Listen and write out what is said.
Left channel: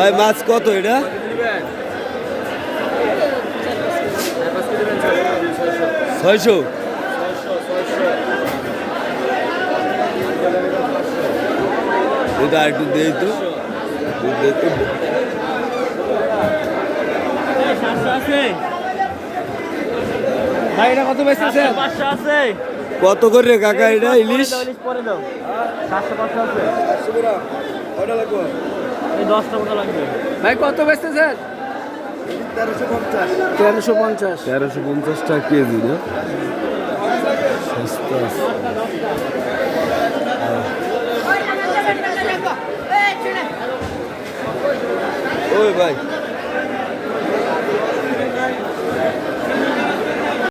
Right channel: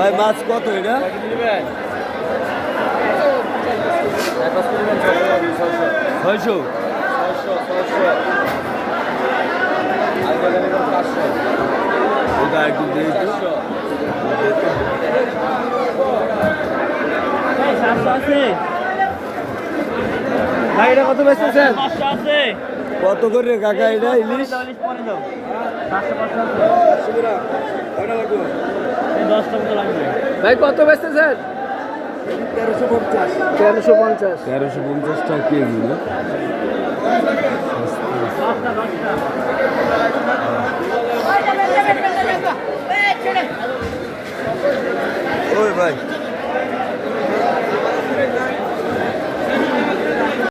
ভাই মাছ কত এটা? 600। এটা একটু দিয়ে তো ভাই এটা কত বেচতেছেন? কত করে কাকা এটা ইলিশ? ভাই কত বেচতেছেন? 1350 1350 টাকা কেজি না? ওই ভাই